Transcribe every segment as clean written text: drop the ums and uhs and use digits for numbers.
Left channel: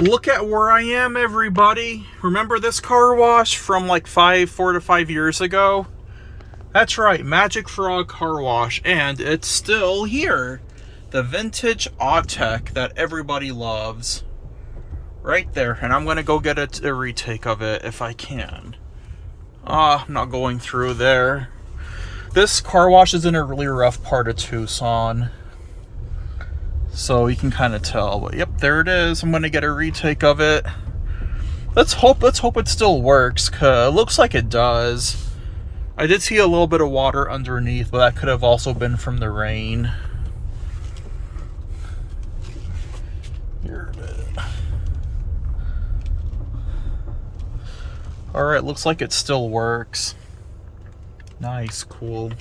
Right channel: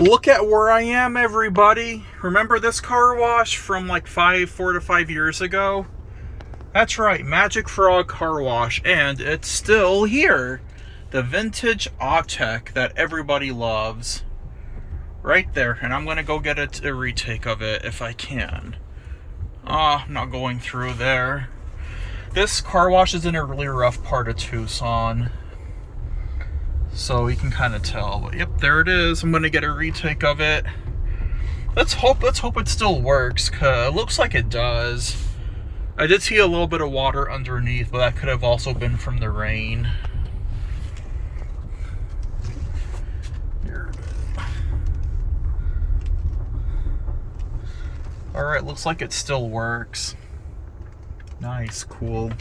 Look at where I am, everybody. Remember this car wash from like 4 to 5 years ago? That's right, Magic Frog Car Wash, and it's still here. The vintage Autec that everybody loves. Right there, and I'm gonna go get a retake of it if I can. I'm not going through there. This car wash is in a really rough part of Tucson, so you can kind of tell. But yep, there it is. I'm gonna get a retake of it. Let's hope it still works, cause it looks like it does. I did see a little bit of water underneath, but that could have also been from the rain. Here it is. Alright, looks like it still works. Nice, cool.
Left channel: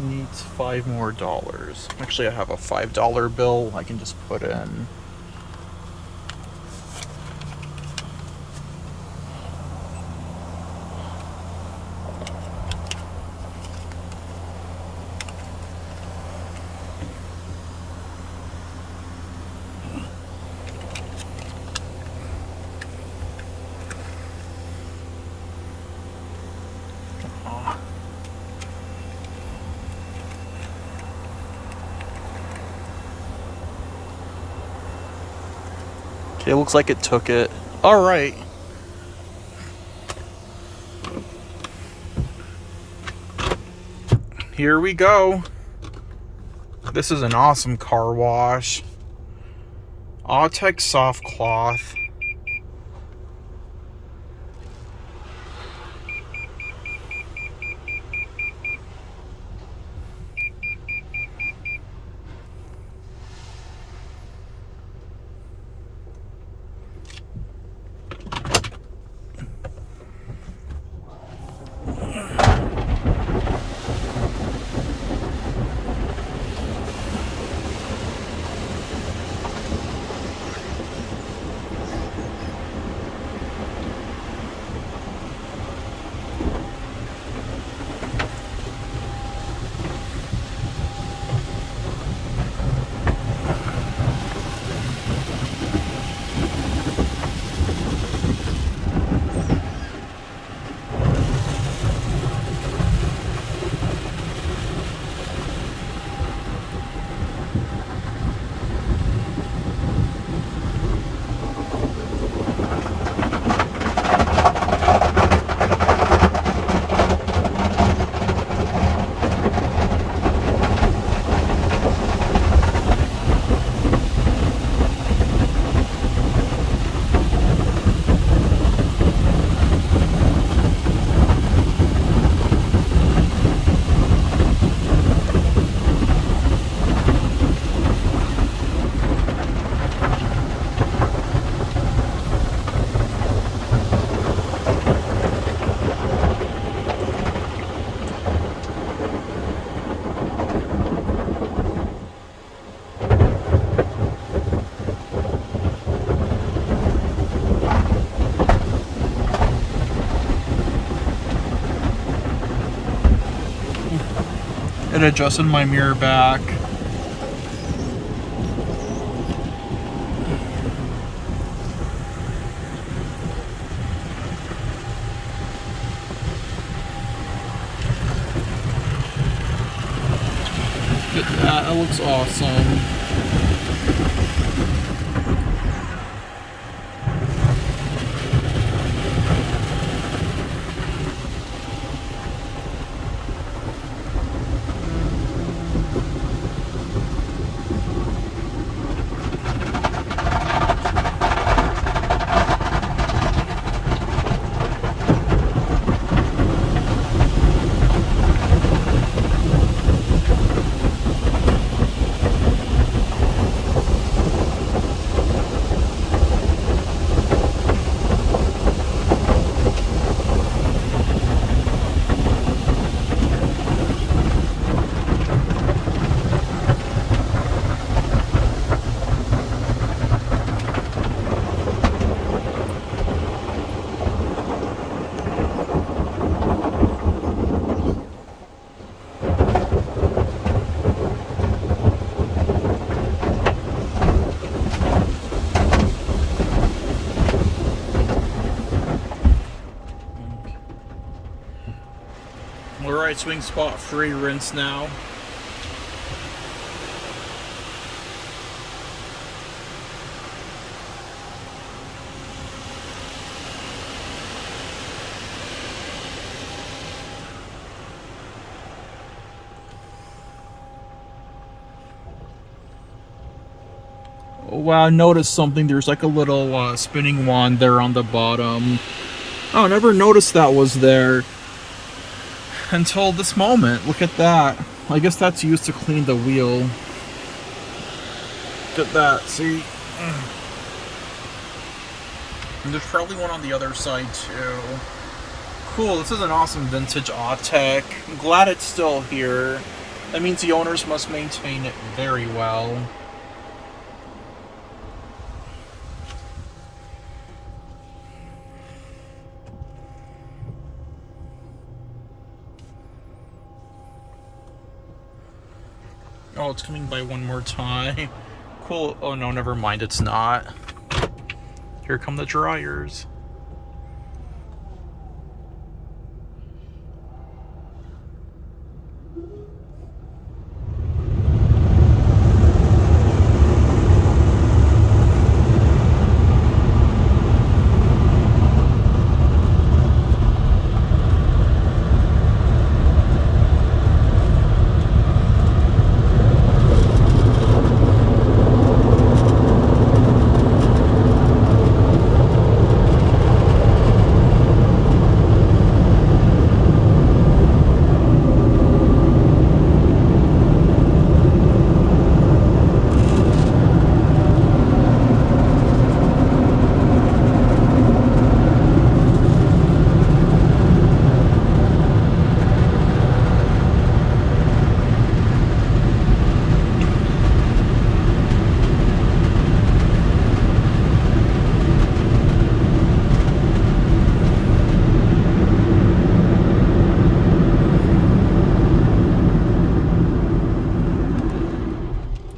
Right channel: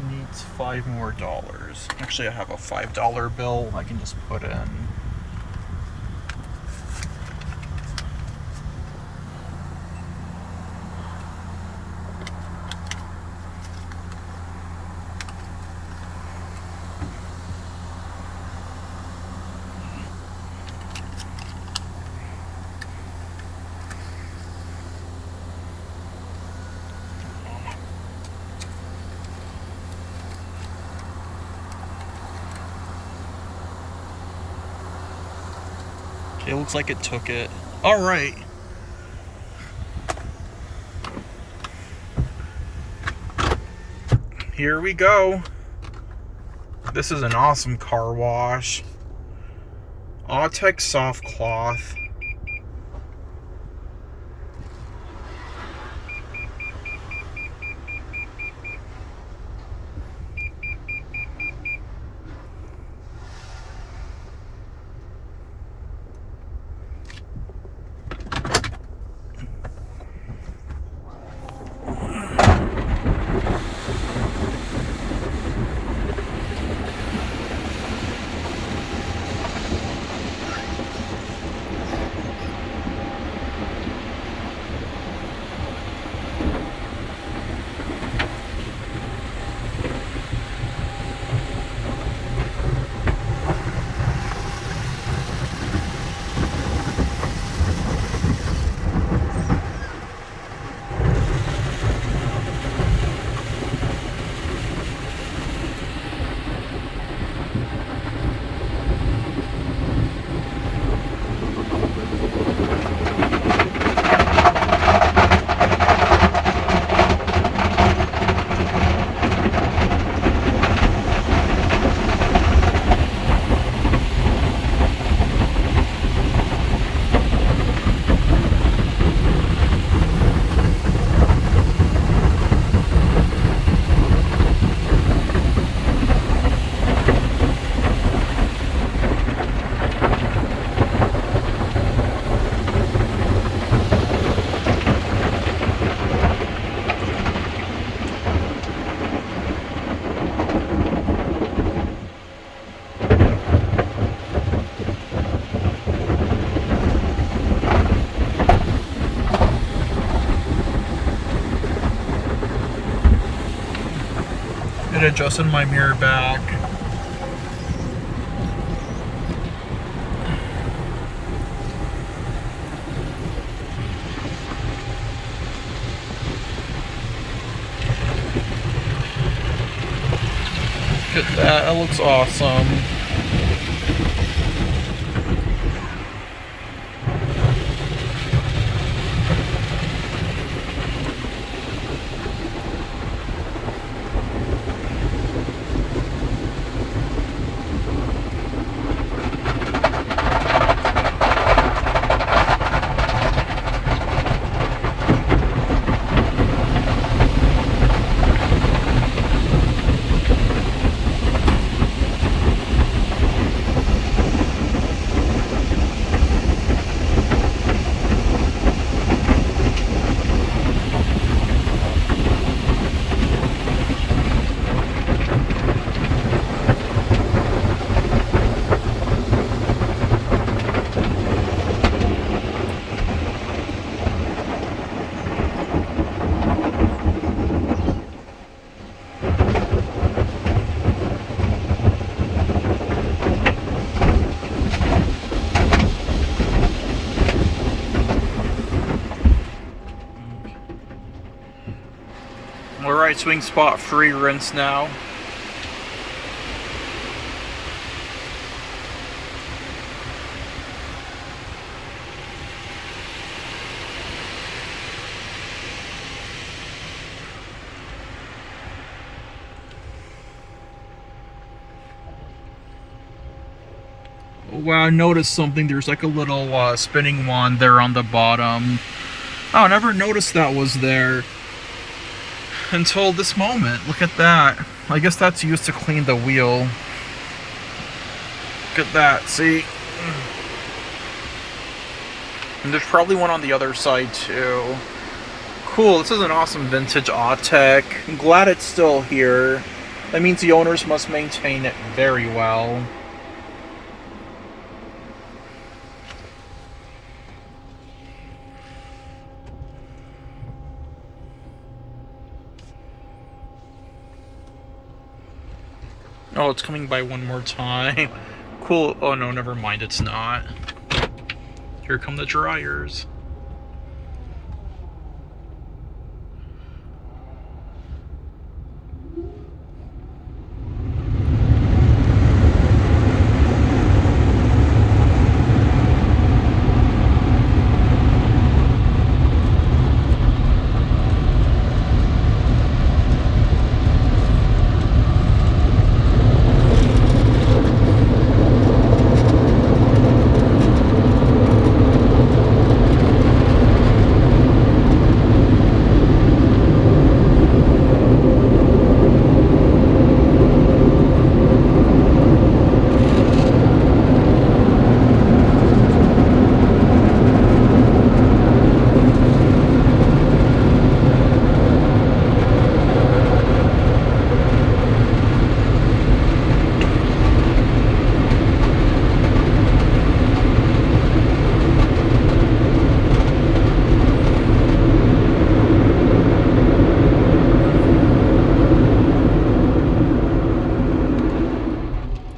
Needs $5 more. Actually, I have a $5 bill I can just put in. Okay, looks like it took it. All right. Here we go. This is an awesome car wash. Autec soft cloth. It adjusted my mirror back. Look at that, that looks awesome. swing spot free rinse now. Wow, I noticed something. There's like a little spinning wand there on the bottom. Oh, I never noticed that was there until this moment. Look at that. I guess that's used to clean the wheel. Look at that, see? And there's probably one on the other side too. Cool, this is an awesome vintage Autec. I'm glad it's still here. That means the owners must maintain it very well. Oh, it's coming by one more time. Cool. Oh no, never mind, it's not. Here come the dryers.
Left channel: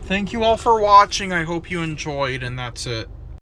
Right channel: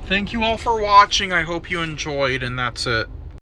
Thank you all for watching. I hope you enjoyed, and that's it.